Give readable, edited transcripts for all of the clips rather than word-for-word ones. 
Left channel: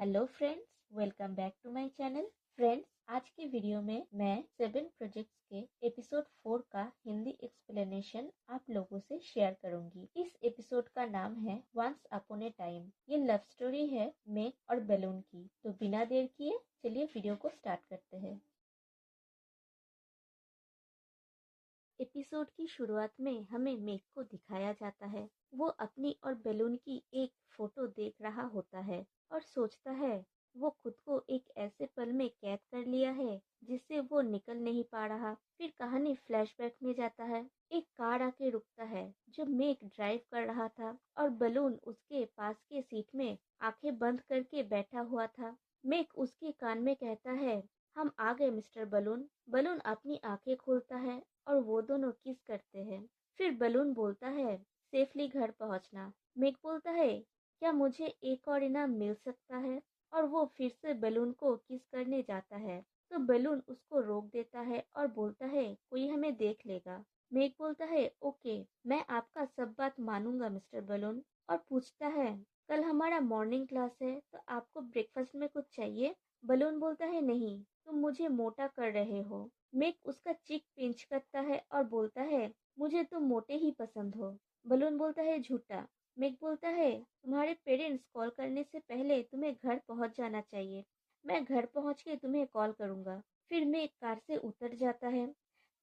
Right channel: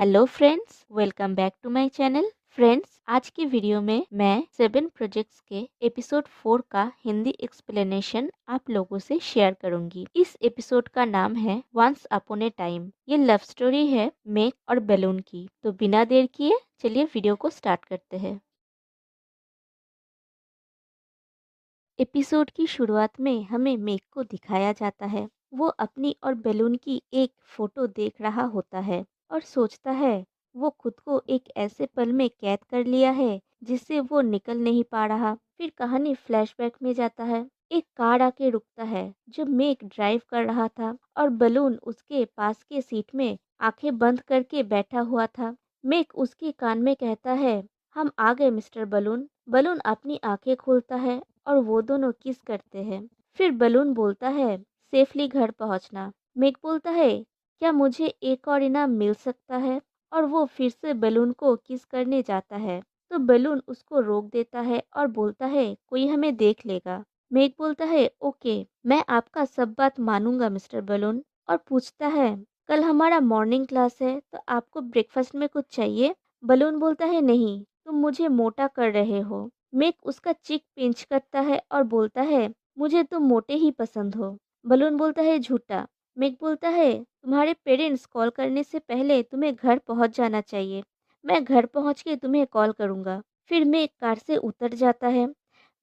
Hello friends, welcome back to my channel. Friends, आज की video में मैं 7 प्रोजेक्ट्स के एपिसोड 4 का हिंदी एक्सप्लेनेशन आप लोगों से शेयर करूंगी। इस एपिसोड का नाम है वंस अपॉन ए टाइम। ये लव स्टोरी है मेक और बैलून की। तो बिना देर किए चलिए वीडियो को स्टार्ट करते हैं। एपिसोड की शुरुआत में हमें मेक को दिखाया जाता है। वो अपनी और बैलून की एक फोटो देख रहा होता है और सोचता है वो खुद को एक ऐसे पल में कैद कर लिया है जिससे वो निकल नहीं पा रहा। फिर कहानी फ्लैशबैक में जाता है। एक कार आके रुकता है जब मेक ड्राइव कर रहा था और बलून उसके पास के सीट में आंखें बंद करके बैठा हुआ था। मेक उसके कान में कहता है, हम आ गए मिस्टर बलून। बलून अपनी आंखें खोलता है और वो दोनों किस करते हैं। फिर बलून बोलता है, सेफली घर पहुंचना। मेग बोलता है, क्या मुझे एक और इनाम मिल सकता है? और वो फिर से बलून को किस करने जाता है तो बलून उसको रोक देता है और बोलता है, कोई हमें देख लेगा। मेग बोलता है, ओके, मैं आपका सब बात मानूंगा मिस्टर बलून। और पूछता है, कल हमारा मॉर्निंग क्लास है तो आपको ब्रेकफास्ट में कुछ चाहिए? बलून बोलता है, नहीं, तुम मुझे मोटा कर रहे हो। मेक उसका चिक पिंच करता है और बोलता है, मुझे तुम मोटे ही पसंद हो। बलून बोलता है, झूठा। मेक बोलता है, तुम्हारे पेरेंट्स कॉल करने से पहले तुम्हें घर पहुंच जाना चाहिए। मैं घर पहुंच के तुम्हें कॉल करूंगा। फिर मेक कार से उतर जाता है।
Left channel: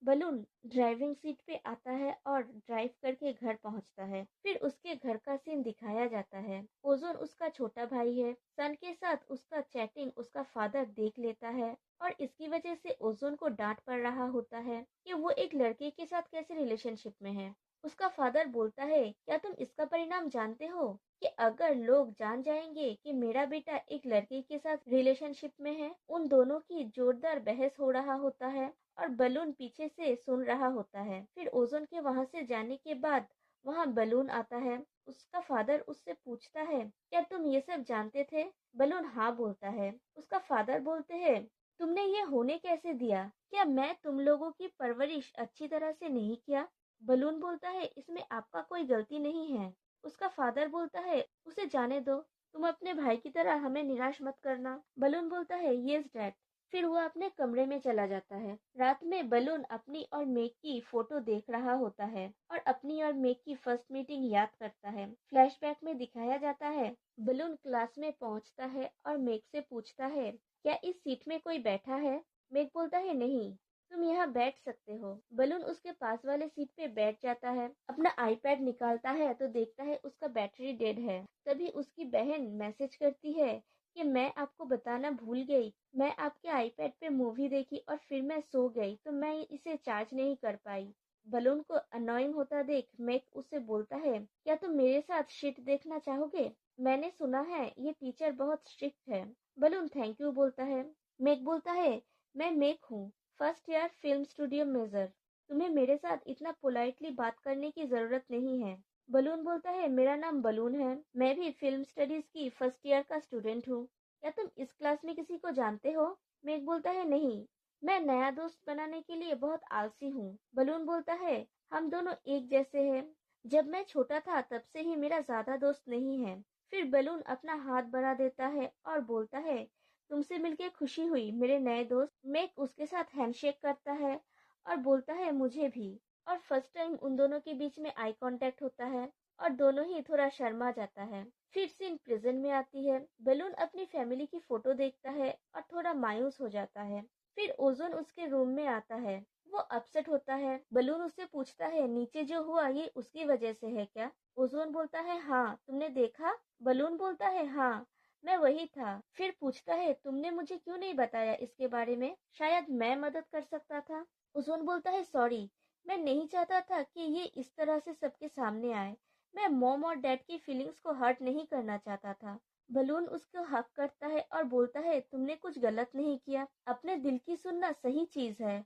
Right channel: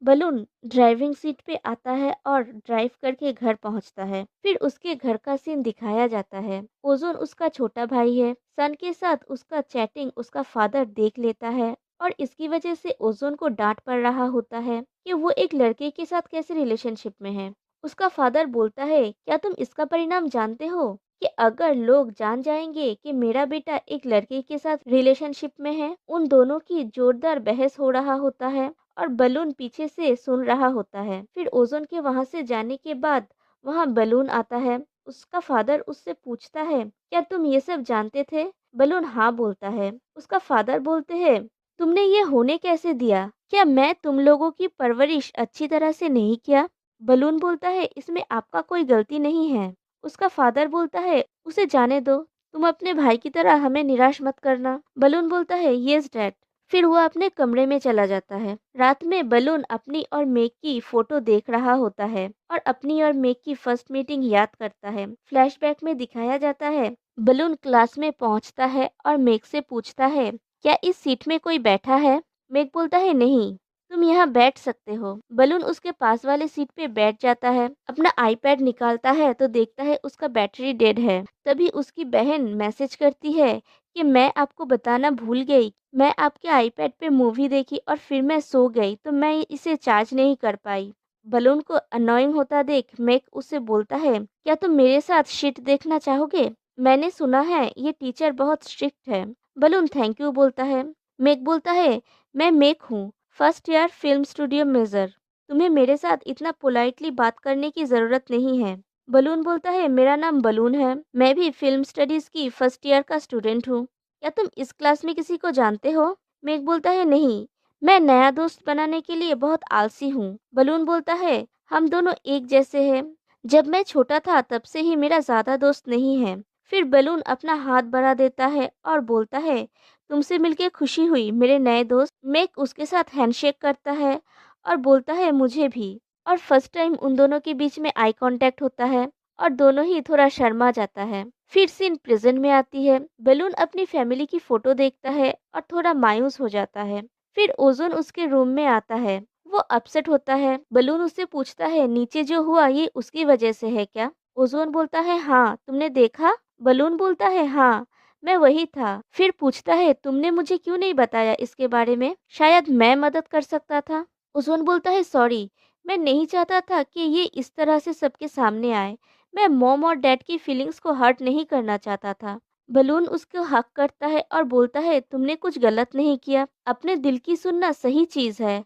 बलून ड्राइविंग सीट पे आता है और ड्राइव करके घर पहुंचता है। फिर उसके घर का सीन दिखाया जाता है। ओजोन उसका छोटा भाई है। सन के साथ उसका चैटिंग उसका फादर देख लेता है और इसकी वजह से ओजोन को डांट पड़ रहा होता है कि वो एक लड़के के साथ कैसे रिलेशनशिप में है। उसका फादर बोलता है, क्या तुम इसका परिणाम जानते हो कि अगर लोग जान जाएंगे कि मेरा बेटा एक लड़के के साथ रिलेशनशिप में है? उन दोनों की जोरदार बहस हो रहा होता है और बलून पीछे से सुन रहा होता है। फिर ओजोन के वहां से जाने के बाद वहां बलून आता है। उसका फादर उससे पूछता है, क्या तुम ये सब जानते थे? बलून हाँ बोलता है। उसका फादर बोलते हैं, तुमने ये होने कैसे दिया? क्या मैं तुम लोगों की परवरिश अच्छी तरह से नहीं किया? बलून बोलता है, इसमें आपका कोई गलती नहीं है। उसका फादर बोलता है, उसे जाने दो, तुम अपने भाई की तरह हमें निराश मत करना। बलून बोलता है, यस डैड। फिर वो अपने कमरे में चला जाता है। रात में बलून अपनी और मेक की फोटो देख रहा होता है और अपनी और मेक की फर्स्ट मीटिंग याद करता है। फ्लैशबैक में दिखाया जाता है, बलून क्लास में पहुंचता है और मेक से पूछता है, क्या इस सीट में कोई बैठा है? मेक बोलता है, नहीं, तुम यहाँ बैठ सकते हो। बलून उसके पास वाले सीट पे बैठ जाता है। अपना आईपैड निकालता है तो देखता है उसका बैटरी डेड है। तभी उसकी बहन मैसेज करती है कि मैं आपको बताना भूल गई, मैं आपके आईपैड पे मूवी देखी और फिर मैं सो गई तो मैं इसे चार्ज नहीं कर पाई। बलून को अनोइंग होता देख मेक उससे बोलता है, क्या तुम मेरे साथ शिट देखना चाहोगे? मैंने सुना है ये टीचर बहुत स्ट्रिक्ट है। बलून थैंक यू बोलता है। मेक बोलता है, मैं मेक हूँ, first year film studio major. तुम्हें मेरे साथ इतना पोलाइटली बात करने की ज़रूरत नहीं है। बलून बोलता है, मेरा नाम बलून है, मैं भी फिल्म स्टडीज़ की फर्स्ट ईयर का स्टूडेंट हूँ। क्या तुम इस क्लास में किसी को जानते हो? मेघ बोलता है, नहीं, मैं नया दोस्त बनाने के लिए बहुत आलसी हूँ। बलून बोलता है, हम दोनों एक जैसे हैं, जब मैं छोटा था तब से ही मेरा ज़्यादा दोस्त नहीं है। फिर बलून अपना हाथ बढ़ा देता है और बोलता है, तुमसे मिलके खुशी हुई मेरे नए दोस्त। मेघ उसके साथ हैंडशेक करता है और बोलता है, मुझे भी। और फर्स्ट टाइम उन दोनों के बीच में आई कांटेक्ट होता है और दोनों ही थोड़ा शर्मा जाता है। फिर सीन प्रेजेंट में आती है। बलून अपनी फैमिली की फोटो देखता है और थोड़ा मायूस हो जाता है। फिर ओजोन उसके रूम में आता है। वो अपसेट होता है। बलून उससे पूछता है, नीचे जो हुआ ये उसकी वजह से है क्या? ओजोन बोलता है, हाँ, तुमने देखा? बलून बोलता है, हाँ, मैं वही था। फिर पूछता है, तुमने मुझे क्यों नहीं बताया इसके बारे में? शायद मैं मदद कर सकता था। ओजोन बोलता है, सॉरी, मैं नहीं चाहता था कि ये इस तरह से सबके सामने आए। मैं मॉम और डैड की फीलिंग्स को हर्ट नहीं करना चाहता था। बलून उसको हक करता है और बोलता है, तुमने कुछ गलत नहीं किया, अपने दिल की सुनना सही चीज है।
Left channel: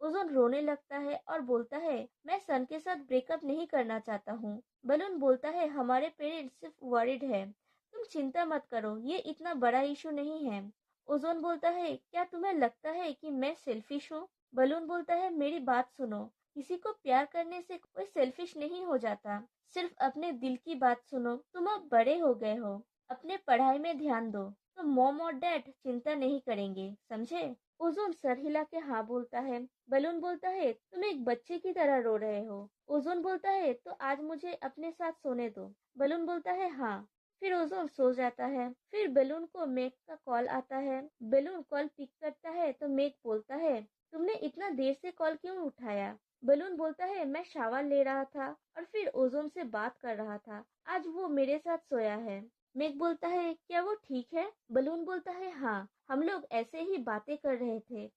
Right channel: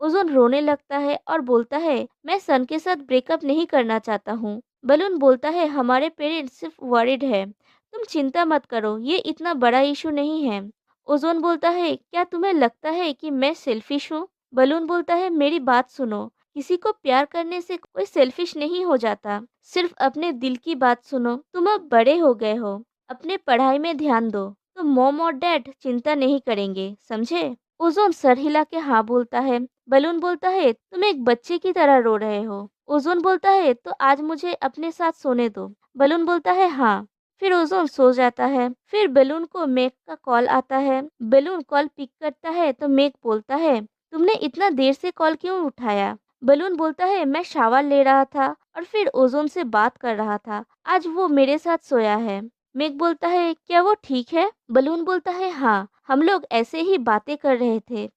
ओजोन रोने लगता है और बोलता है, मैं सन के साथ ब्रेकअप नहीं करना चाहता हूँ। बलून बोलता है, हमारे पेरेंट्स सिर्फ वरिड है, तुम चिंता मत करो, ये इतना बड़ा इशू नहीं है। ओजोन बोलता है, क्या तुम्हें लगता है कि मैं सेल्फिश हूँ? बलून बोलता है, मेरी बात सुनो, किसी को प्यार करने से कोई सेल्फिश नहीं हो जाता। सिर्फ अपने दिल की बात सुनो, तुम अब बड़े हो गए हो, अपने पढ़ाई में ध्यान दो। तो तो मॉम और डैड चिंता नहीं करेंगे, समझे? ओज़ोन सर हिला के हाँ बोलता है। बलून बोलता है, तुम एक बच्चे की तरह रो रहे हो। ओज़ोन बोलता है, तो आज मुझे अपने साथ सोने दो। बलून बोलता है, हाँ। फिर ओज़ोन सो जाता है। फिर बलून को मेघ का कॉल आता है। बलून कॉल पिक करता है तो मेघ बोलता है, तुमने इतना देर से कॉल क्यों उठाया? बलून बोलता है, मैं शावर ले रहा था और फिर ओज़ोन से बात कर रहा था। आज वो मेरे साथ सोया है। मेघ बोलता है, क्या वो ठीक है? बलून बोलता है, हाँ, हम लोग ऐसे ही बातें कर रहे थे।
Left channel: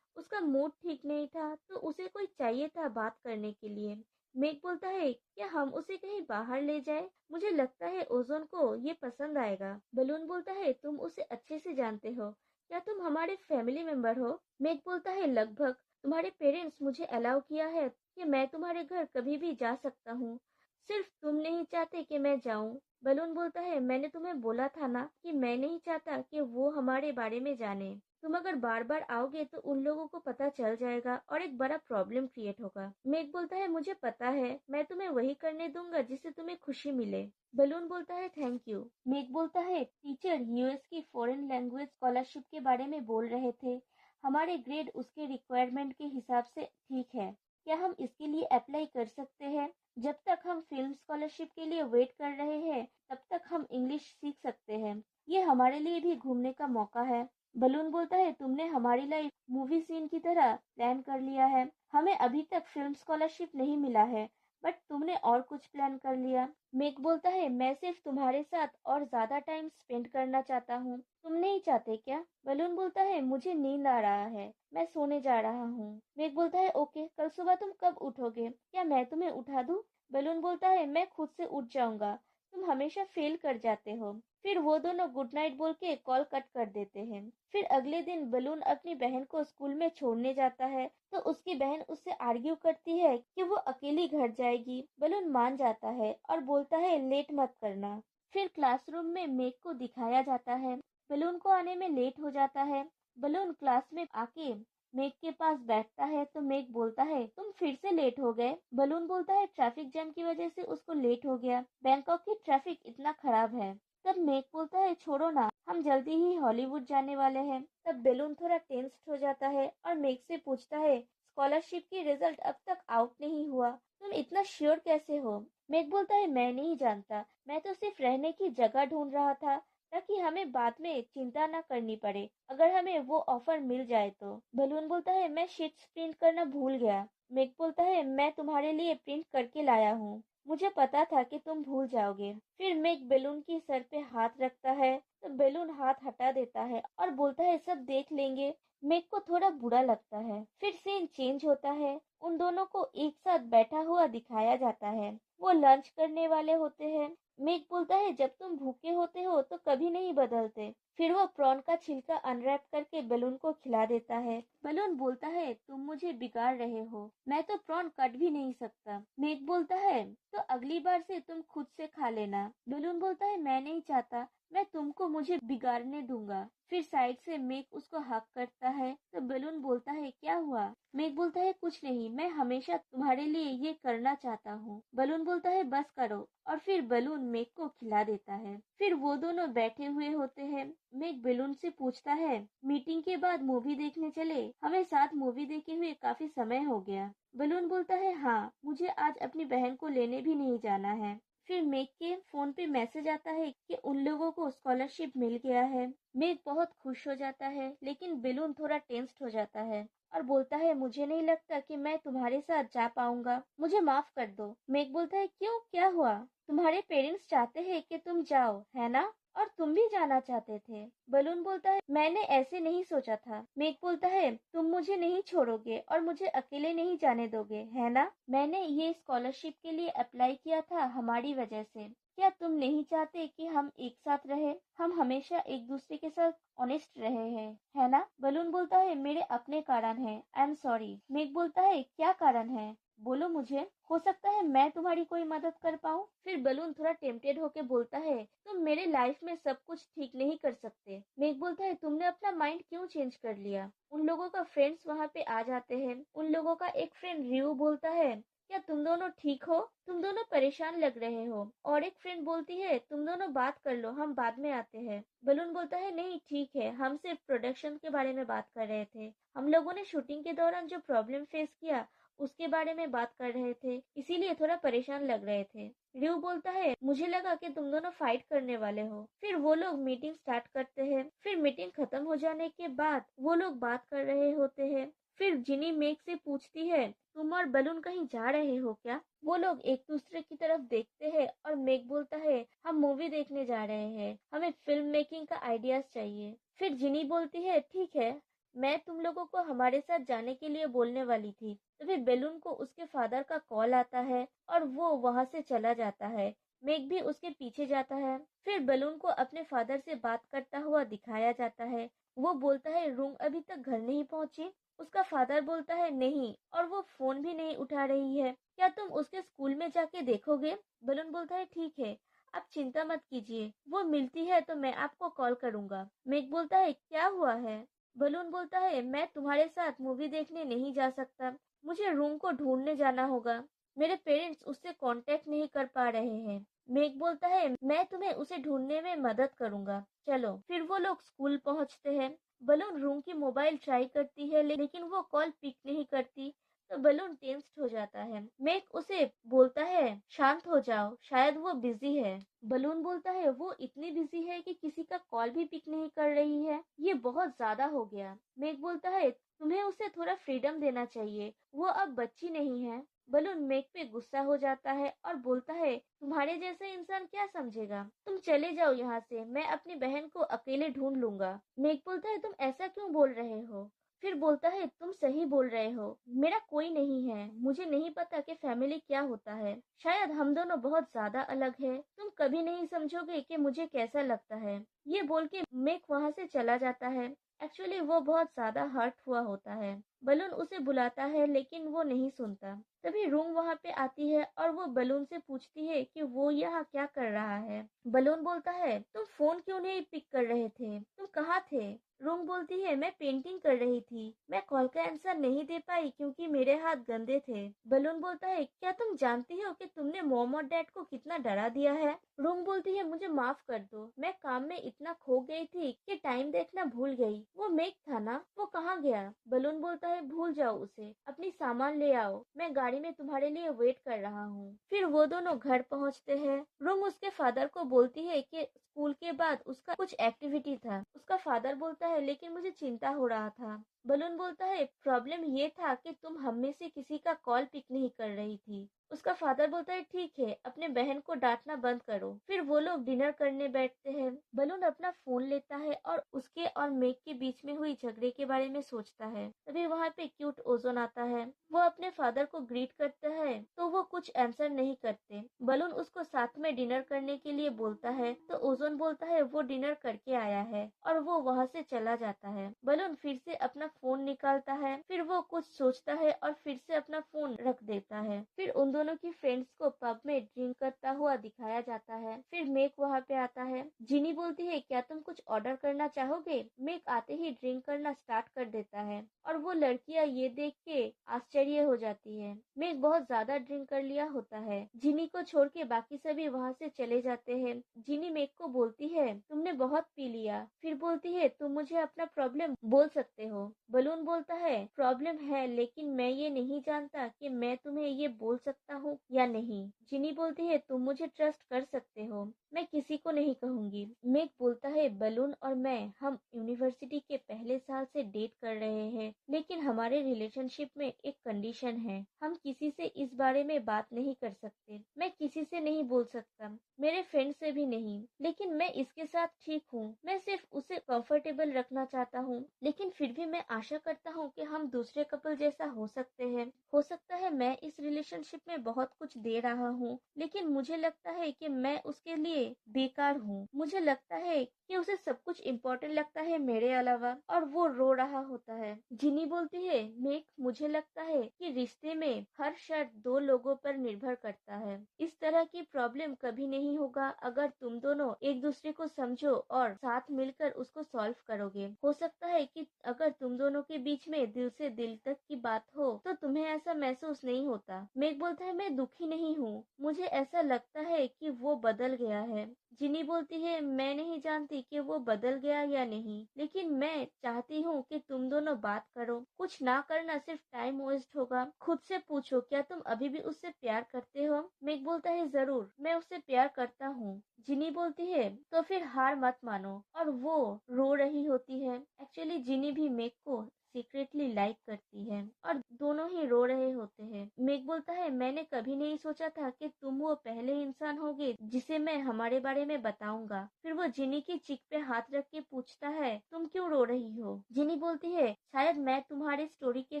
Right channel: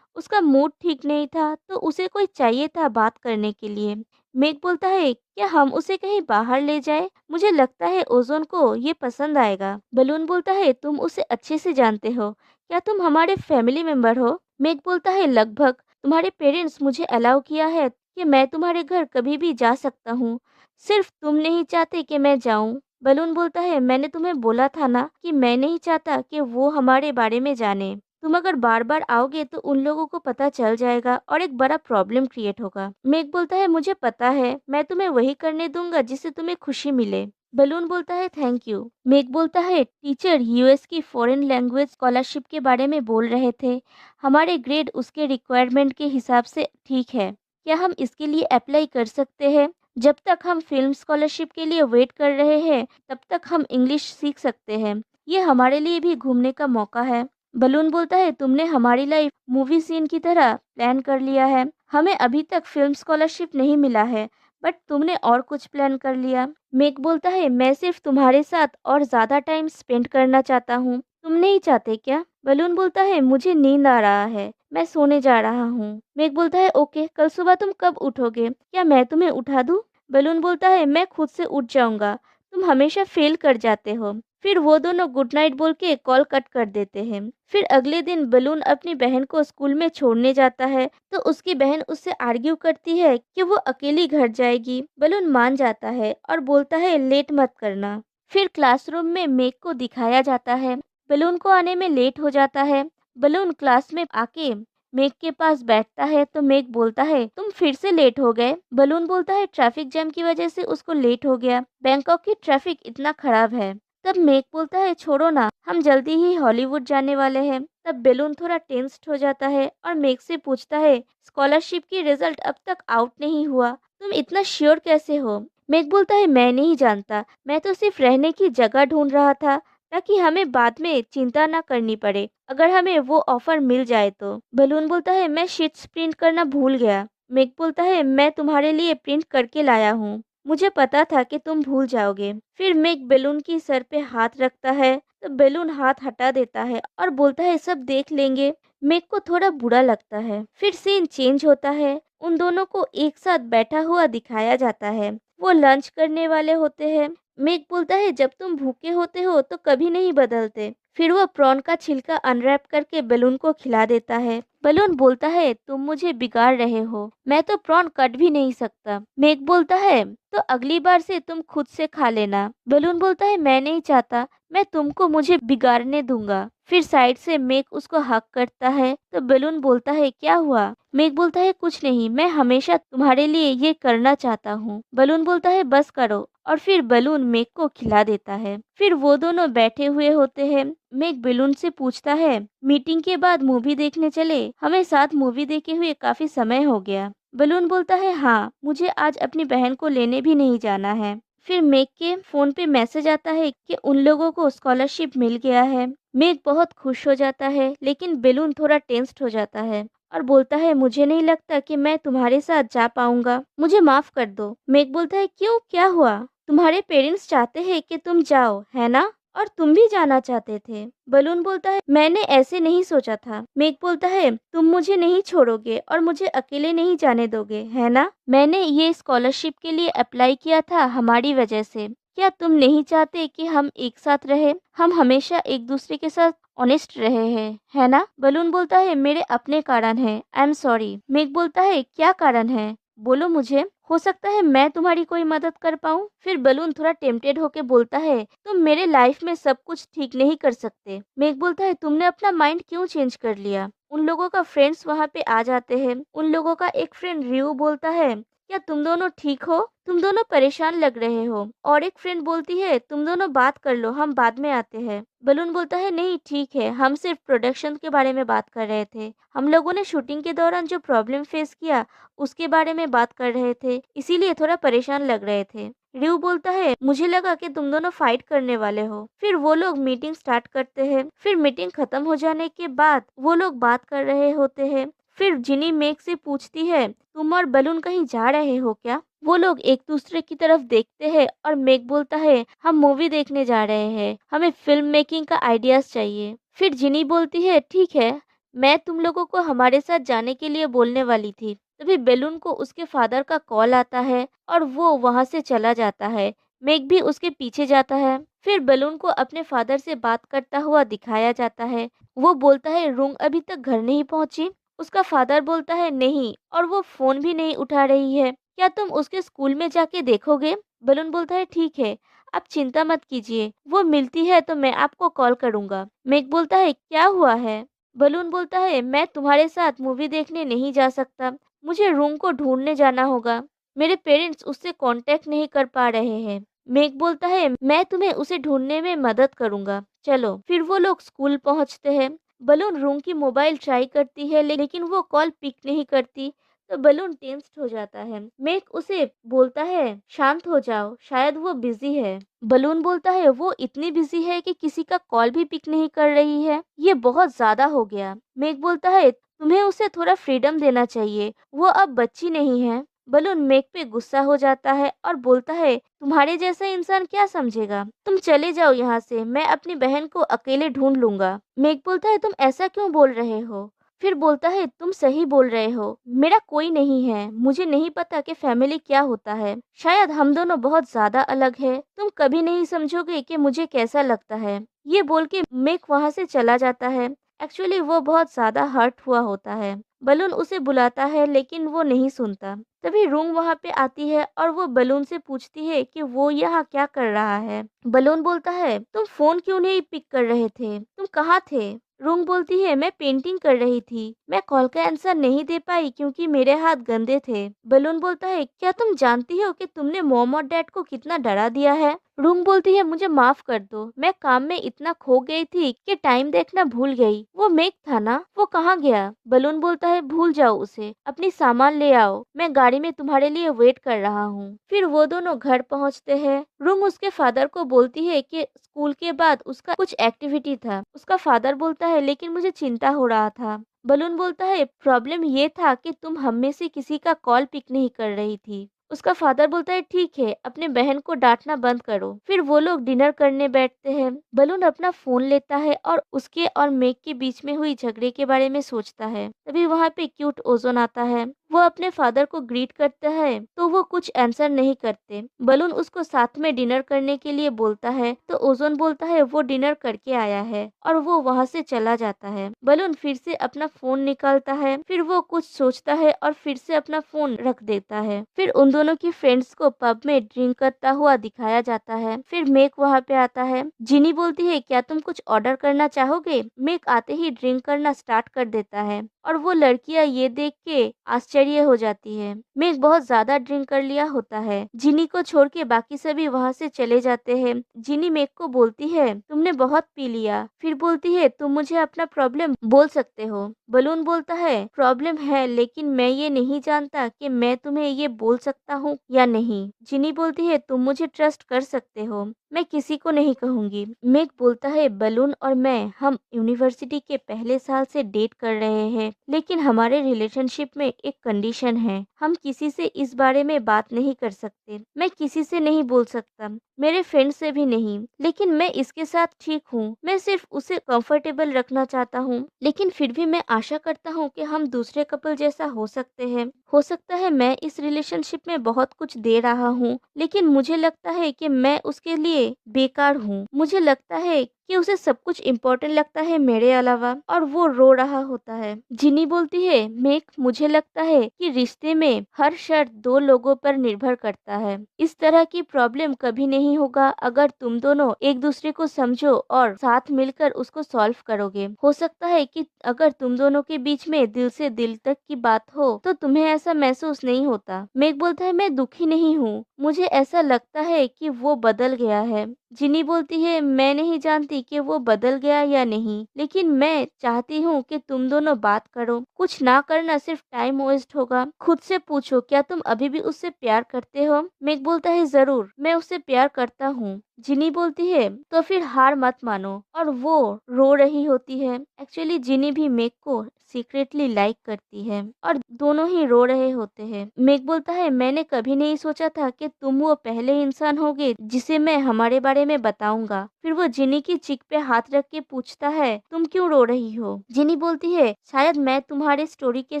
उसका मूड ठीक नहीं था तो उसे कोई चाहिए था बात करने के लिए। मेघ बोलता है, क्या हम उसे कहीं बाहर ले जाए? मुझे लगता है ओज़ोन को ये पसंद आएगा। बलून बोलता है, तुम उसे अच्छे से जानते हो। क्या तुम हमारे फैमिली मेंबर हो? मेघ बोलता है, लगभग। तुम्हारे पेरेंट्स मुझे अलाउ किया है कि मैं तुम्हारे घर कभी भी जा सकता हूँ। सिर्फ तुम नहीं चाहते कि मैं जाऊँ। बलून बोलता है, मैंने तुम्हें बोला था ना कि मैं नहीं चाहता कि वो हमारे बारे में जाने। तुम अगर बार बार आओगे तो उन लोगों को पता चल जाएगा और एक बड़ा प्रॉब्लम क्रिएट होगा। मेघ बोलता है, मुझे पता है, मैं तुम्हें वही करने दूंगा जिससे तुम्हें खुशी मिले। बलून बोलता है, थैंक यू। मेघ बोलता है, टीचर यूएस की फॉरेन लैंग्वेज स्कॉलरशिप के बारे में बोल रहे थे। हमारे ग्रेड उसके रिक्वायरमेंट के हिसाब से ठीक है। क्या हम इसके लिए अप्लाई कर सकते हैं? जब तक हम फिल्म स्कॉलरशिप के लिए वेट कर रहे हैं, तब तक हम इंग्लिश सीख सकते हैं। ये हमारे लिए भी घूमने का मौका है। बलून बोलता है, तुमने हमारी लाइफ मूवी सीन की तरह प्लान कर लिया है। हमें अभी तक फिल्म स्कॉलरशिप नहीं मिला है, बट तुमने और कुछ प्लान कर लिया। मेक बोलता है, मैं सिर्फ तुम्हारे साथ और ज्यादा टाइम स्पेंड करना चाहता हूँ। तुम नहीं चाहते क्या? बलून बोलता है, मुझे नींद आ रहा है, मैं सोने जा रहा हूँ। मेक बोलता है, ओके, कल सुबह तुम कब उठोगे? क्या मैं तुम्हें उठा दूँ? बलून बोलता है, मैं खुद से उठ जाऊंगा, तुम हमेशा फेल कर जाते हो। फिर वो दोनों गुड नाइट बोल के कॉल कट कर देते हैं। फिर अगले दिन बलून अपनी बहन को स्कूल में छोड़ने जाता है तो उसकी बहन उससे आर्ग्यू करती है कि वो अकेली घर जाएगी। बलून मान जाता है और बोलता है, लेट मत करना। फिर क्लासरूम में मेघ को दिखाया जाता है। बलून को आने में लेट हो जाता है। बलून क्लास में आके मेघ के पास बैठता है तो मेघ बोलता है, तुम फिर से लेट हो गए। बलून बोलता है, ट्रैफिक जैम की वजह से उसको लेट हो गया। बैंकॉक की ट्रैफिक इतना खराब है। तब मेघ बोलता है, छोड़ो ना, हम जल्दी ही हॉलीवुड जाने वाले हैं। तब बेलून थोड़ा टेंस्ड हो जाता है और मेघ से पूछता है, स्कॉलरशिप की रिजल्ट अब तक आउट नहीं हुआ, तुम इतना श्योर कैसे हो? मेघ बोलता है, मैं नहीं जानता, मैं तो सिर्फ रहने की जगह ढूंढ रहा था ताकि हमें बाद में चिंता ना करनी पड़े अगर हमें वो ऑफर मिल जाए तो। बलून बोलता है, मैं शीट्स प्रिंट करना भूल गया। मेघ बोलता है, मैं तुम्हारे लिए प्रिंट करके लाया हूँ, मुझे पता था कि तुम भूल जाओगे। फिर मेघ बेलून की सर पे हाथ रखता है तो बेलून हाथ हटा देता है और बोलता है, सब देख लेंगे। मेघ को थोड़ा बुरा लगता है। फिर सीन चेंज होता है, उन दोनों को एक साथ बैठा हुआ दिखाया जाता है। वो लंच करने वाले होते हैं। मेघ बोलता है, जब तुम भूखे होते हो तो कभी नहीं बदलते। फिर वो प्रॉन का छिलका अनरैप करके बलून को खिला देता है। बलून बोलता है, तुम मुझे बिगाड़ रहे हो, मैं तो प्रॉन कट भी नहीं सकता। मेघ बोलता है, तो अगली बार से तुम खुद से खा लेना। बलून बोलता है, मैं नहीं चाहता, मैं तुमको मुझे बिगाड़ने दूंगा। फिर साइड से मेघ उसको हक करता है तो बलून बोलता है, क्या हुआ? मेघ बोलता है, कुछ नहीं, मैं हमेशा तुम्हारे लिए ये करना चाहता हूँ। बलून बोलता है, बस करो, और फिर बलून मेघ को खिला देता है। फिर वो दोनों बैठे हुए होते हैं। मेघ बलून से पूछता है, मीटिंग के बाद मूवी देखने चले, हमें साथ मूवी देखे हुए काफी समय हो गया। बलून बोलता है, हाँ, मुझे आज अपनी बहन को लेने भी नहीं जाना है। फिर मेघ के फोन पे मैसेज आता है कि उन लोगों को स्कॉलरशिप मिल गया है। मेघ बहुत खुश हो जाता है लेकिन बेलून थोड़ा टेंस्ड हो जाता है और बोलता है, मुझे नहीं लगता कि मैं तुम्हारे साथ जा पाऊंगा, मुझे माफ कर दो। मेघ बोलता है, क्यों, क्या हुआ? तुम्हारे पेरेंट्स चाहते हैं कि तुम जाओ, है ना? और तुम भी जाना चाहते थे। बलून बोलता है, मैंने ऐसे नहीं सोचा था। मेघ बोलता है, तुम मुझे नहीं छोड़ोगे और मुझे अकेले नहीं जाने दोगे, है ना? मैंने ये स्कॉलरशिप के लिए अप्लाई किया था हमारी वजह से। क्या तुम नहीं चाहते कि हम एक साथ रहे? हम हमेशा एक दूसरे के साथ ऑनेस्ट रहे हैं, है ना? बलून बोलता है, मेरे अपने कारण है, आई एम सॉरी। मेघ बोलता है, क्या कारण है, बोलो मुझे, हो सकता है मैं तुम्हारी कोई मदद कर पाऊँ। फिर बलून थोड़ा टेम्पटेड होके बोलता है, तुम मेरे लाइफ में सब कुछ ठीक नहीं कर सकते। मेघ बोलता है, तुमने अपना माइंड क्यों चेंज कर लिया? उन लोगों का फ्रेंड्स वहाँ पे आ जाते हैं। उन लोगों का एक फ्रेंड रियो बोलता है क्या तुम दोनों ठीक हो? तुम दोनों परेशान लग रहे हो। और एक फ्रेंड बोलती है, तुम दोनों बात कर लो, हम बाद में आते हैं। बलून बोलता है, नहीं ठीक है, हम सिर्फ प्रोडक्शन के बारे में बात कर रहे थे। हम लोगों ने शूटिंग के दौरान जो प्रॉब्लम फेस किया उसके बारे में बात कर रहे थे, इसीलिए थोड़ा परेशान लग रहे थे। रिव बोलता है, मुझे लगा कि तुम दोनों फाइट करने वाले हो। फिर वो लोग मीटिंग स्टार्ट करते हैं। फिर मीटिंग खत्म हो जाने के बाद वो लोग बात कर रहे होते हैं। फिर जिनी मेग से पूछती है, तुम और बलून कहीं जा रहे हो क्या? वो लोग एक दूसरे की तरफ देखते हैं और मेग बोलता है, हम मूवी देखने जा रहे हैं, हमें फिल्म मेकिंग का आइडियाज चाहिए। फिर जिनी बोलती है, ठीक है, मैं तुम लोगों को हमारे साथ जाने के लिए बोलने वाली थी। तभी बेलून को उसके फादर का कॉल आता है और वो वहां से चला जाता है। मेग भी उसके पीछे जाता है। फिर बलून को अपने फादर से बात करता हुआ दिखाया जाता है। वो बोलता है, रुंग अभी तक घर नहीं पहुंची? उसका फादर बोलता है, नहीं, और वो फोन भी नहीं उठा रही है। क्या तुम उसके स्कूल में जाके देखोगे? बलून बोलता है, ठीक है, आप चिंता मत कीजिए, वो मिलती है तो मैं आपको कॉल करूंगा। मेग बोलता है, क्या हुआ है? बलून बोलता है, मैं तुम्हारे साथ मूवी देखने नहीं जा सकता, मुझे रूम को ढूंढने जाना होगा। मेरे पेरेंट्स उससे कांटेक्ट नहीं कर पा रहे हैं। मेग बोलता है, मैं तुम्हें उसे ढूंढने में मदद करूंगा, चलो। फिर वो लोग स्कूल पहुंचते हैं। बलून रूम की मोबाइल ट्राई करती है लेकिन वो कॉल पिक नहीं करती। तो बलून टेंस्ड हो जाता है। मेग उसे बोलता है, शांत हो जाओ, शायद वो बिजी है। बलून बोलता है, वो इतनी बिजी है कि किसी का कॉल भी पिक नहीं कर रही है, ये बहुत ज्यादा हो गया। मेग बोलता है, तुम्हें उसे थोड़ा फ्रीडम देना चाहिए, वो अब बच्ची नहीं है। बलून मेग पे गुस्सा हो जाता है और बोलता है, तुम्हारे जैसा इंसान क्या समझेगा, तुम चले जाओ यहाँ से, मैं अपनी बहन को अकेले ढूंढ लूंगा। मेग बोलता है, तुम ऐसा क्यों बोल रहे हो? फिर बोलता है, तुम सही बोल रहे हो, मेरा कोई नहीं है, मुझे नहीं पता कि फैमिली क्या होता है, शायद हम दोनों बहुत ज्यादा अलग है, तुम कभी नहीं समझोगे कि मुझे कैसा लगता है। ये बोल के मेग वहां से चला जाता है। एक्चुअली वो बहुत ज्यादा हर्ट हुआ होता है। बलून उसे बुलाता है लेकिन वो नहीं सुनता। तभी रूम वहां पे आती है और वो बलून से पूछती है कि वो यहाँ क्या कर रहा है। बलून बोलता है, तुम फोन क्यों नहीं पिक कर रहे थे, तुम कहाँ थे? रूम बोलती है, मैं पेंटिंग कर रही थी, मैं कॉल का आंसर नहीं दे पाई क्योंकि मेरे हाथ गंदे थे। बलून बोलता है, क्या तुम जानती हो कि तुमने मॉम और डैड को कितना डरा दिया है? रूम बोलती है, मुझे माफ कर दो, मैं काम में इतना खो गई थी कि टाइम देखना भूल गई। वो मेक था ना, वो कहाँ गया? बलून बोलता है, भूल जाओ उसे, अपनी सामान ले आओ, मैं गाड़ी में तुम्हारे लिए वेट कर रहा हूँ। फिर वो दोनों घर पहुँचते हैं। रूम उसके फादर को बोलती है कि स्कूल के बाद उसका कुछ एक्टिविटी था। उसका फादर बोलता है, लेकिन मुझे चिंता हो रहा था। बलून बोलता है, प्रॉब्लम ये था कि तुम हम में से किसी का कॉल पिक नहीं कर रही थी। उसका फादर बोलता है, ठीक है, अपने बहन को डांटना बंद करो। फिर वो लोग डिनर करने बैठते हैं। बलून अपना फोन लेता है और उसके और मेग के बीच में हुई झगड़े के बारे में सोचता है। तभी वहाँ पे क्यूट ओजोन आता है। वो अपने फादर को ग्रीट करता है तो वो कुछ आंसर नहीं करते। बलून उसको साथ में डिनर करने के लिए बोलता है तो ओजोन बोलता है वो डिनर करके आया है और वो वहाँ से चला जाता है। बलून फिर से अपना फोन निकालता है। फिर वो कुछ सोचता है और फिर से अपना फोन रख देता है। फिर उन दोनों की फ्रेंड्स को पब में ड्रिंक करता हुआ दिखाया जाता है। फिर मेक वहाँ पे आता है। जिनी बोलती है, क्या तुम कुछ ऑर्डर करना चाहोगे? मेक आते ही ड्रिंक करना स्टार्ट कर देता है और वो लड़कियां ये देख के आश्चर्य हो जाती है। मेक बहुत ज्यादा ड्रिंक कर लिया होता है। जिनी को छोड़ के बाकी सभी वहाँ से चले जाते हैं। जिनी मेक को बोलती है, तुमने बहुत पी लिया। फिर बोलती है, तुम मुझे अपना प्रॉब्लम बोल सकते हो। बलून बोलता है, प्रॉब्लम है लेकिन मैं ये नहीं जानता कि मैं तुम्हें ये बोल सकता हूँ या नहीं। जिनी बोलती है, तुम मुझे ट्रस्ट कर सकते हो, मैं किसी को नहीं कहूंगी। मेक बोलता है, बलून और मैं हम यूनिवर्सिटी के पहले साल से डेट कर रहे हैं लेकिन हमारे रिलेशनशिप में एक कंडीशन है, हम किसी से इस बारे में बात नहीं कर सकते। मैं किसी से नहीं बोल सकता, मेरे फ्रेंड से भी नहीं, लेकिन मैं इसके साथ ठीक हूँ। मैं सिर्फ उसे कंफर्टेबल रखना चाहता हूँ, लेकिन फिर भी मैं आशा करता हूँ कि हम दूसरे कपल जैसा हो सकते हैं। हो सकता है मैं इस रिलेशनशिप में बहुत कुछ दे रहा हूँ लेकिन मुझे लगता है कि मैं उसके लिए बेकार हूँ। मुझे लगता है कि उसे सब कुछ इम्पोर्टेंट लगता है मेरे अलावा, और वो रो रहा होता है। जिनी बोलती है, मेक, मुझे लगता है कि रिश्ते में हर शर्त दो लोगों पर निर्भर करता है। इस तरह की प्रॉब्लम कभी नहीं होगा अगर तुम दोनों एक दूसरे को समझो और साथ मिलकर उसको सॉल्व करोगे। हो सकता है कि अगर तुम दोनों के बीच में दिल से दिल तक की बात हो तो तुम्हें ऐसा महसूस नहीं होता। मेक बोलता है, मैं दुखी नहीं हूँ, मुझे ऐसा लगता है कि वो बदल गया है। जिनी बोलती है, मैं नहीं जानती कि वो बदल गया या नहीं, लेकिन मैं चाहती हूँ कि तुम दोनों बात करो। कुछ ना करना सिर्फ टाइम वेस्ट होगा। खुद से पूछो, क्या तुम अभी भी उससे प्यार करते हो? मेक बोलता है, जरूर, मैं उससे प्यार करता हूँ। जिनी बोलती है, तो फिर हार मत मानो, और वो रो रही होती है। एक्चुअली जिनी भी मेक को सीक्रेटली लाइक करती है और दोनों ही रो रहे होते हैं। मेक बोलता है, मैंने कभी नहीं सोचा था कि तुम वो पहले इंसान होगे जिसे मैं हमारे बारे में बताऊंगा। फिर वो जिनी की चिक पे हाथ रख के पूछता है, तुम क्यों रो रही हो? जिनी बोलती है, शायद मैं तुम्हारे स्टोरी के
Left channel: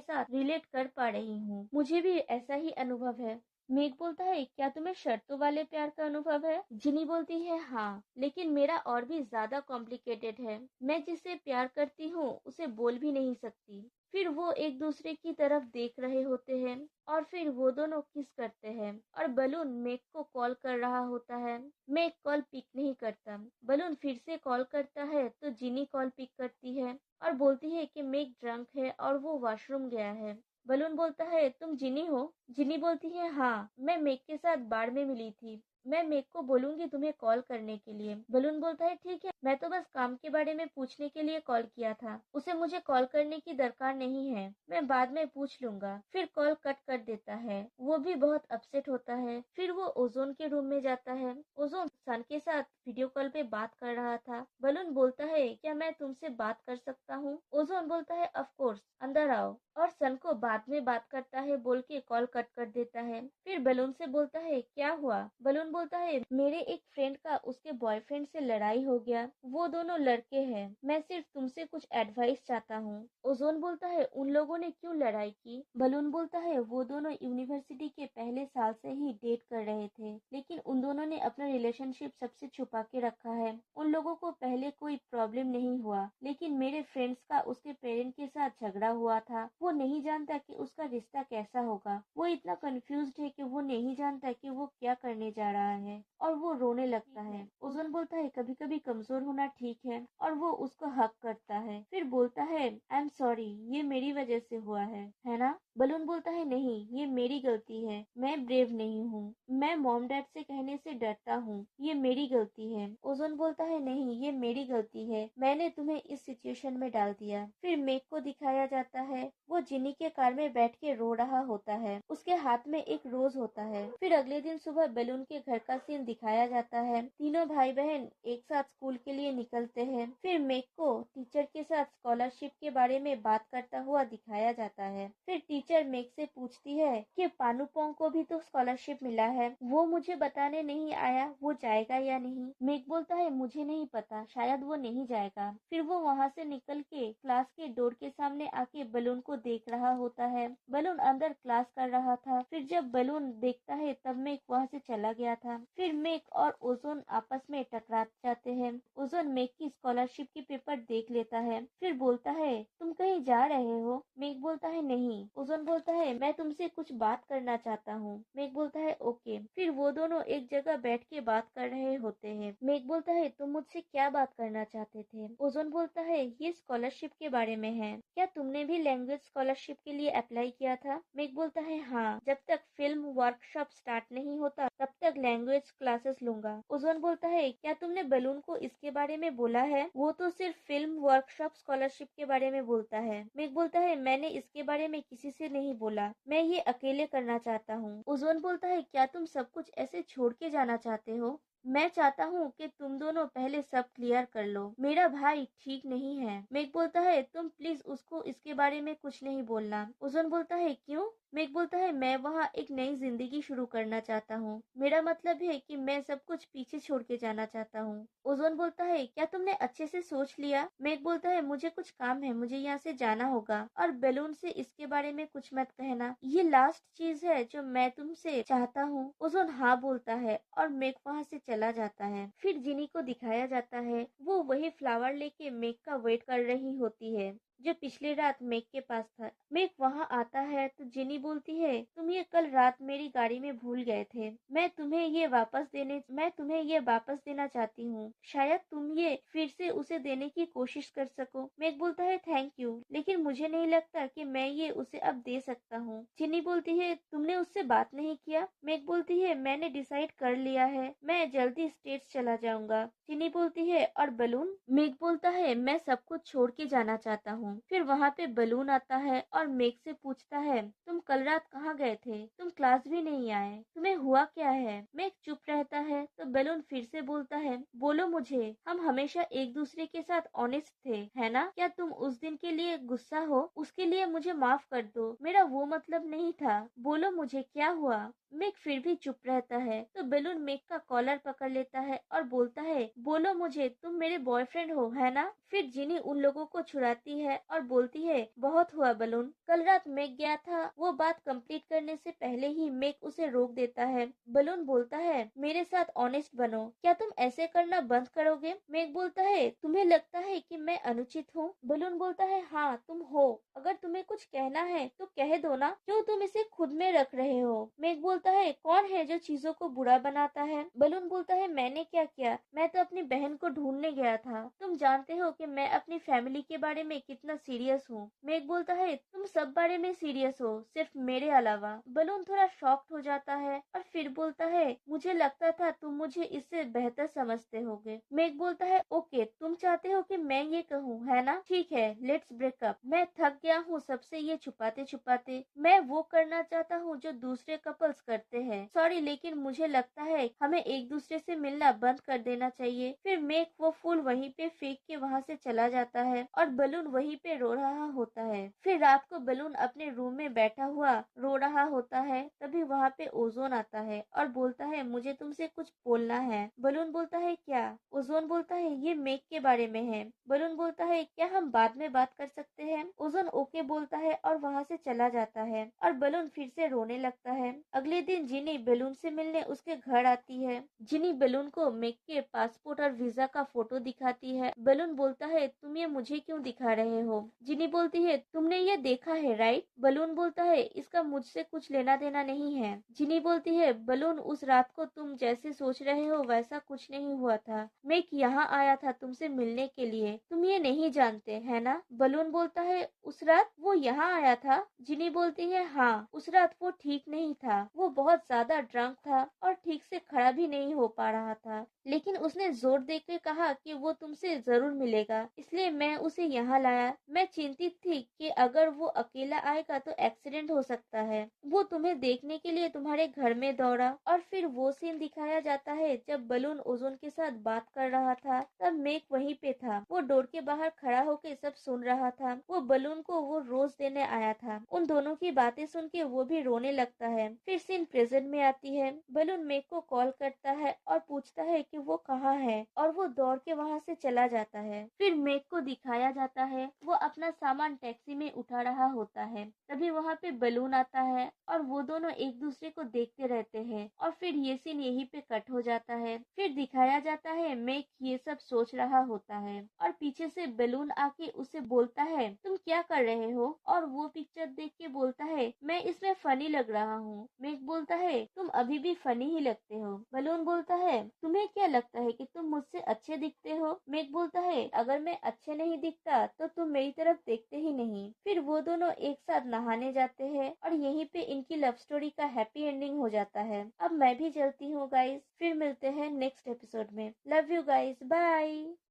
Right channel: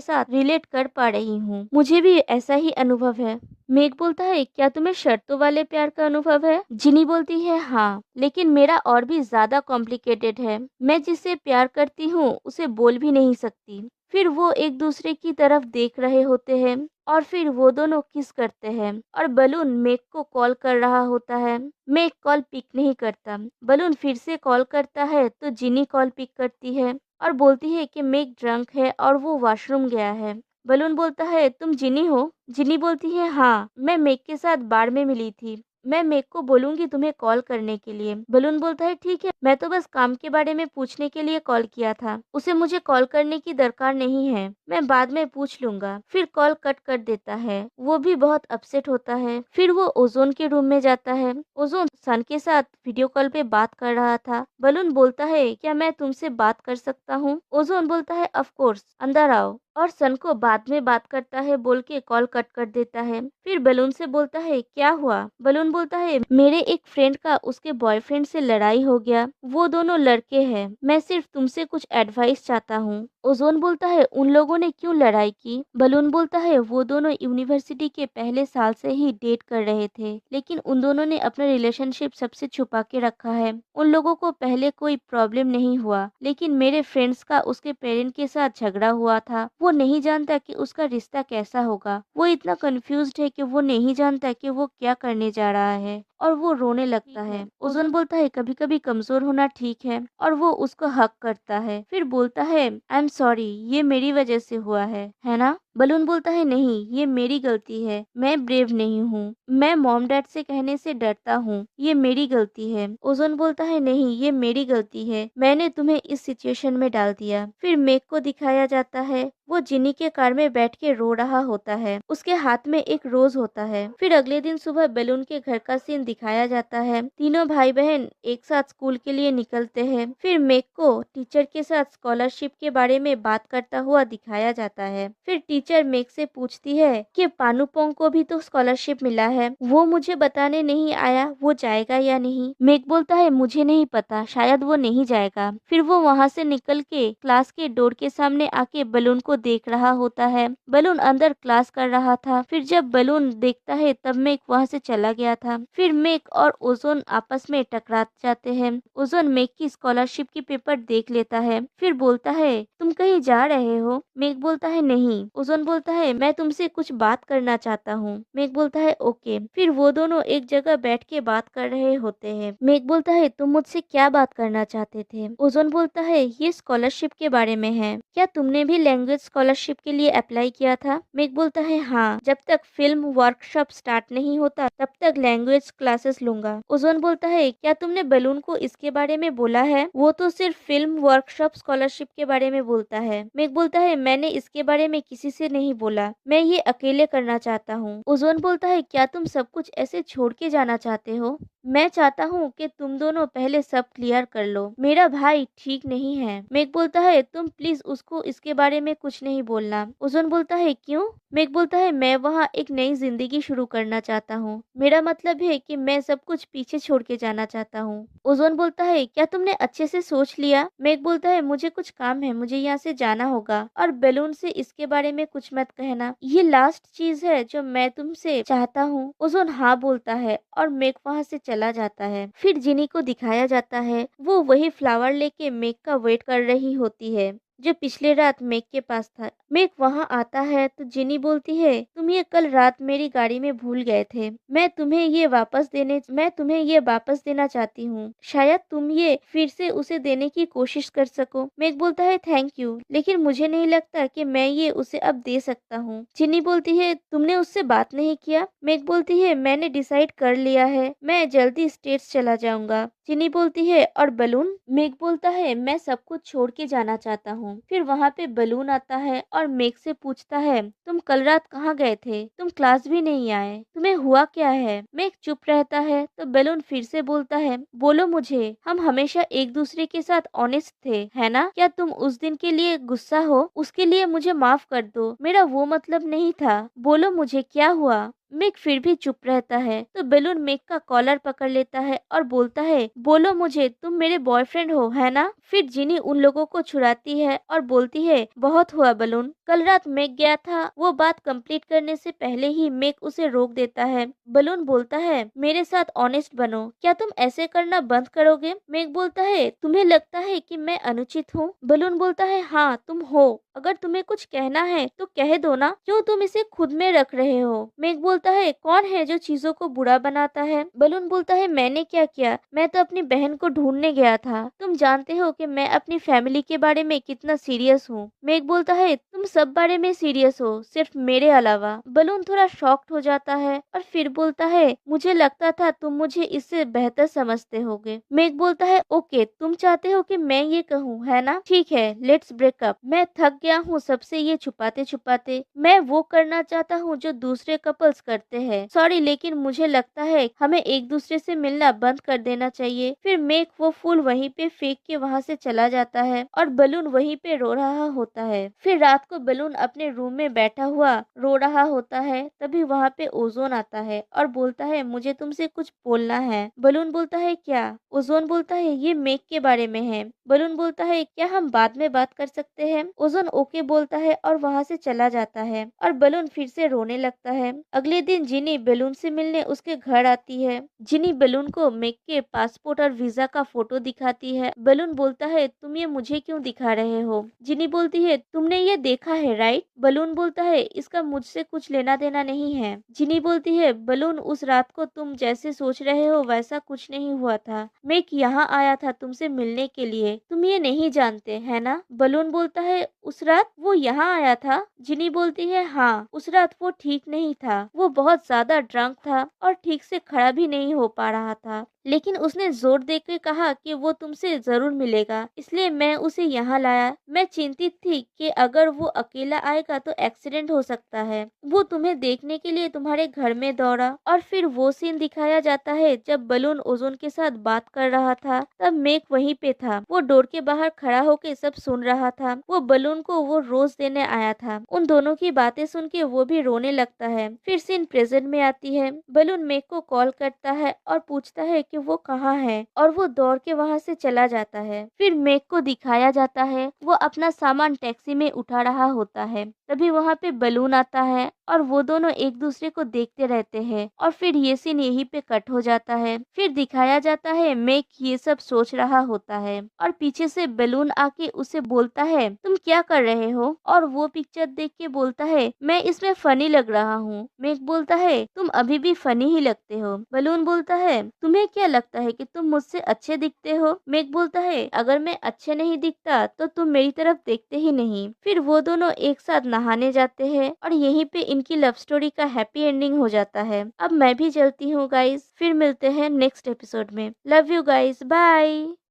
साथ रिलेट कर पा रही हूँ, मुझे भी ऐसा ही अनुभव है। मेघ बोलता है, क्या तुम्हें शर्तों वाले प्यार का अनुभव है? जिनी बोलती है, हाँ, लेकिन मेरा और भी ज्यादा कॉम्प्लिकेटेड है। मैं जिससे प्यार करती हूँ उसे बोल भी नहीं सकती। फिर वो एक दूसरे की तरफ देख रहे होते हैं और फिर वो दोनों किस करते हैं और बलून मेघ को कॉल कर रहा होता है। मेघ कॉल पिक नहीं करता। बलून फिर से कॉल करता है तो जिनी कॉल पिक करती है और बोलती है कि मेघ ड्रंक है और वो वॉशरूम गया है। बलून बोलता है, तुम जिनी हो? जिनी बोलती है, हाँ, मैं मेघ के साथ बार में मिली थी। मैं मेघ को बोलूंगी तुम्हें कॉल करने के लिए। बलून बोलता है, ठीक है, मैं तो बस काम के बारे में पूछने के लिए कॉल किया था, उसे मुझे कॉल करने की दरकार नहीं है, मैं बाद में पूछ लूंगा। फिर कॉल कट कर देता है। वो भी बहुत अपसेट होता है। फिर वो ओजोन के रूम में जाता है। ओजोन सन के साथ वीडियो कॉल पे बात कर रहा था। बलून बोलता है, क्या मैं तुमसे बात कर सकता हूँ? ओजोन बोलता है, ऑफ कोर्स, अंदर आओ, और सन को बाद में बात करता है बोल के कॉल कट कर देता है। फिर बलून से बोलता है, क्या हुआ? बलून बोलता है, मेरे एक फ्रेंड का उसके बॉयफ्रेंड से लड़ाई हो गया, वो दोनों लड़के हैं, मैं सिर्फ तुमसे कुछ एडवाइस चाहता हूँ। ओजोन बोलता है, उन लोगों ने क्यों लड़ाई की? बलून बोलता है, वो दोनों यूनिवर्सिटी के पहले साल से ही डेट कर रहे थे, लेकिन उन दोनों ने अपना रिलेशनशिप सबसे छुपा के रखा है। उन लोगों को पहले कोई प्रॉब्लम नहीं हुआ, लेकिन मेरे फ्रेंड्स का उसके पेरेंट के साथ झगड़ा हुआ था। वो नहीं जानता कि उसका रिश्ता कैसा होगा। वो इतना कंफ्यूज्ड है कि वो नहीं जानता कि वो क्या करने जा रहा है, और वो रोने लगता है। ओजोन बोलता है, कभी कभी कमजोर होना ठीक है, और वो उसको हक करता है। फिर बोलता है, आई एम सॉरी, ये मेरी वजह से हुआ है ना? बलून बोलता है, नहीं, ये मेरी गलती है, मैं ब्रेव नहीं हूँ, मैं मॉम डैड से कहने से डरता हूँ, ये मेरी गलती है। ओजोन बोलता है, नहीं, ये मेरी गलती है, मैंने तुम्हें इस सिचुएशन में डाल दिया। फिर मेक को दिखाया जाता है, वो जिनी के कार में बैठ के रो रहा होता है, उसके हाथ में एक रोज होता है। फिर अगले दिन सुबह बलून के घर का सीन दिखाया जाता है। तीनों भाई बहन एक साथ स्कूल के लिए निकलते हैं। फिर मेक को टीचर के साथ स्कॉलरशिप के बारे में बात करता हुआ दिखाया जाता है। फिर टीचर मेक से पूछती है कि पानुपोंग को भी तो स्कॉलरशिप मिला है, वो मुझे बताने नहीं आया, वो जाएगा या नहीं? मेक बोलता है, मुझे नहीं पता, शायद वो नहीं जाएगा। फिर वो वहाँ से निकल के क्लास के डोर के सामने आके बलून को देख रहा होता है। बलून अंदर क्लास कर रहा था। फिर जब बलून देखता है तब मेक वहाँ से चला गया था। फिर मेक और ओजोन आपस में टकरा जाते हैं। ओजोन मेक की स्कॉलरशिप की पेपर देख लेता है। फिर बोलता है, तुम कहीं जा रहे हो? मेक बोलता है, नहीं। ओजोन बोलता है, मैं तुमसे कुछ बात करना चाहता हूँ। मेक बोलता है, ओके। फिर वो दोनों एक जगह बैठ के बात कर रहे होते हैं। मेक बोलता है, तुम मुझसे क्या बात करना चाहते थे? ओजोन बोलता है, ये स्कॉलरशिप के बारे में है, क्या तुमने भी लैंग्वेज स्कॉलरशिप के लिए अप्लाई किया था? मेक बोलता है, हाँ, जब तक फिल्म वर्कशॉप स्टार्ट नहीं होता तब तक लैंग्वेज क्लासेस लूंगा। ओजोन बोलता है, क्या तुमने बलून को इसके बारे में बोला है? वो तो सिर्फ फिल्म वर्कशॉप स्कॉलरशिप के बारे में बोलता है। मेक बोलता है, मैंने इसके बारे में किसी से नहीं बोला, मैं ये अकेले करना चाहता हूँ। ओजोन बोलता है, क्या तुम सब कुछ ऐसे छोड़ के जाना चाहते हो? मैं चाहता हूँ कि तुम दोनों पहले सब क्लियर कर लो, मेरा भाई ठीक नहीं है। मेक बोलता है, तुम प्लीज उसको इसके बारे में कुछ नहीं बोलना। ओजोन बोलता है, क्यों? मेक बोलता है, मैं वहाँ एक नई जिंदगी शुरू करना चाहता हूँ, मेरा मतलब है कि मैं सब कुछ पीछे छोड़ के जाना चाहता हूँ। ओजोन बोलता है क्या तुमने अच्छे से सोच लिया? मेघ बोलता है मुझे कुछ काम है, मुझे यहाँ से जाना होगा और बैलून से इसके बारे में कुछ मत कहना। ये लास्ट चीज है जो मैं तुमसे चाहता हूँ। ओजोन हाँ बोलता है और मेघ वहाँ से चला जाता है। फिर जिनी को दिखाया जाता है वो वही फ्लावर लेके मेघ का वेट कर रही होती है जो पिछले रात मेघ के पास था। मेघ वहां आता है तो जिनी बोलती है तुम ये कल रात मेरी गाड़ी में भूल गए थे। मैं तुम्हें ये वापस देना चाहती हूँ। शायद तुम ये फिर से उसे देने की कोशिश कर सको। मेघ बोलता है थैंक यू, लेकिन मुझे नहीं लगता कि मैं ये उसे अब दे सकता हूँ। जिनी बोलती है तुमने उससे बात नहीं किया? मेघ बोलती है मैंने डिसाइड कर लिया है, मैं जल्दी स्टेट्स चला जाऊंगा। जिनी बोलती है और बलून? मेघ बोलता है मैं सब कुछ छोड़ के जाना चाहता हूँ। फिर वहाँ पे बलून आता है और मेघ से पूछता है तुम कल रात कहाँ गए थे? तुम क्लास भी नहीं आए, तुम्हें हुआ क्या है? मेघ चुप रहता है तो बलून फिर से बोलता है बोलो मुझे, हम हमेशा एक दूसरे के साथ ऑनेस्ट थे, है ना? क्या तुम उस दिन के लिए गुस्सा हो? उसके लिए मुझे माफ कर दो, मेरा वो मतलब नहीं था। बोलो मुझे क्या हुआ? मेघ फिर भी चुप रहता है तो बेलून मेघ का कॉलर पकड़ लेता है और बोलता है बोलो मुझे, तुम मेरे बॉयफ्रेंड हो, है ना? फिर जिनी उन लोगों को छुड़ाती है और बोलती है बहुत हुआ बलून, कल रात मेघ गया था। वो बात कंप्लीट करने से पहले ही मेघ उसे रोक देता है। बलून बोलता है मेरे साथ ऑनेस्ट बनो, क्या तुम ऐसे करना बंद करोगे? मेघ बोलता है तुम्हें लगता है कि मैं अनुचित हूँ? बलून बोलता है हाँ तुम हो, अगर तुम्हें कुछ कहना है तो कह दो ना, क्यों तुम इसे खुद में रख रहे हो? मेघ बोलता है कौन है जो चीजों को बुरा बनाता है? बलून बोलता है मैंने क्या किया, मैं तो अपनी बहन को ढूंढने गया था। तुम जानते हो कि मैं अपनी फैमिली के बारे में कितना सीरियस हूँ। मेघ बोलता है तुम सब बारे में सीरियस हो, सिर्फ मेरे अलावा। बलून थोड़ा शॉक्ड हो जाता है और फिर बोलता है मुझे लगता था तुम मुझे इससे बेहतर समझते होगे। मेघ बोलता है ओके, तुम चाहते हो कि मैं ये कहूँ, है ना? ठीक है, लेट्स ब्रेकअप। मैं थक गया हूँ सबसे ये छुपाते छुपाते। मैं वो करना चाहता हूँ जो दूसरे कपल्स करते हैं। सॉरी, लेकिन मुझे लगता है हमें एक दूसरे से मिलना बंद कर देना चाहिए। फिर मेघ वो फूल वहीं पे फेंक के वहाँ से चला जाता है और बलून वहीं पे रो रहा होता है। फिर रात को बलून अपने रूम में बैठा हुआ रो रहा होता है। तभी वहाँ पे ओजोन आता है और बोलता है मुझे तुमसे कुछ बोलना है। बलून बोलता है क्या? ओजोन बोलता है ये मेघ के बारे में है। बलून बोलता है क्या हम बाद में बात कर सकते हैं? ओजोन ओके बोलता है और वहाँ से चला जाता है और बलून फिर से रोने लगता है। अगले दिन जिनी बलून से मिलने उसके घर आती है। जिनी बलून को मेघ के पासपोर्ट और वीजा का फोटो दिखाती है। बलून बोलता है तुम ये मुझे क्यों दिखा रहे हो? जिनी बोलती है तुमने ये देखा है राइट? बलून बोलता है इसका मुझसे कुछ लेना देना नहीं है। जिनी बोलती है बलून उस रात को तुम जैसे सोच रहे हो वैसा कुछ नहीं हुआ था। मेघ यहाँ आया था तुमसे मिलने के लिए, तुम ये नहीं जानते है ना? बलून बोलता है उस रात वो यहाँ आया था? जिनी बोलती है हाँ, उस रात वो ठीक नहीं था, वो बहुत ज्यादा ड्रंक था और ठीक से खड़ा भी नहीं हो पा रहा था, लेकिन उसने जोर देकर कहा कि वो तुमसे जरूर मिलेगा, इसलिए मैं उसे यहाँ लाया। मैं चिंतित थी कि अगर वो अकेला आएगा तो एक्सीडेंट हो सकता है। वो तुम्हें देखने के लिए तुम्हारे घर में दौड़ा। और फिर वो सीन दिखाया जाता है जब बलून ओजोन के साथ बात कर रहा था, तब मेघ वहीं पे था। वो डोर के बाहर खड़ा होकर सब सुन रहा था। वो बलून को वो रोज देने आया था। उन दोनों की बातें सुन के वो भी रोने लगता है। फिर सीन प्रेजेंट में आती है। बलून मेघ को कॉल करता है और पूछता है कि वो कहाँ है और वो दौड़ के वहाँ से चला जाता है। फिर मेघ को दिखाया जाता है वो अपना सामान टैक्सी में उठा रहा होता है। तभी वहाँ पे बलून आता है और वो दोनों एक दूसरे को देखते रहते हैं और फिर ये सीन यहीं पे कट हो जाता है। फिर दिखाया जाता है मेघ ये सब सोच रहा होता है और पीछे से बलून आके उसे बोलता है तुम क्या कर रहे हो? और वो पिक्चर देख के बोलता है मैं इसमें फनी लग रहा हूँ। मेघ बोलता है तुम अभी भी फनी ही लगते हो। बलून बोलता है तुम्हें क्या लगता है कि तुम मुझसे अच्छे दिखते हो? मेघ बोलता है अगर मैं अच्छे नहीं दिखता तो तुम मेरी तरफ देखते ही नहीं। फिर वो दोनों एक साथ नहाने जाते हैं और यहीं पे इनकी लव स्टोरी का हैप्पी एंडिंग हो जाता है। अब मैं भी चलती हूँ गाइस, फिर मिलते हैं नेक्स्ट एपिसोड में। Love you guys, bye.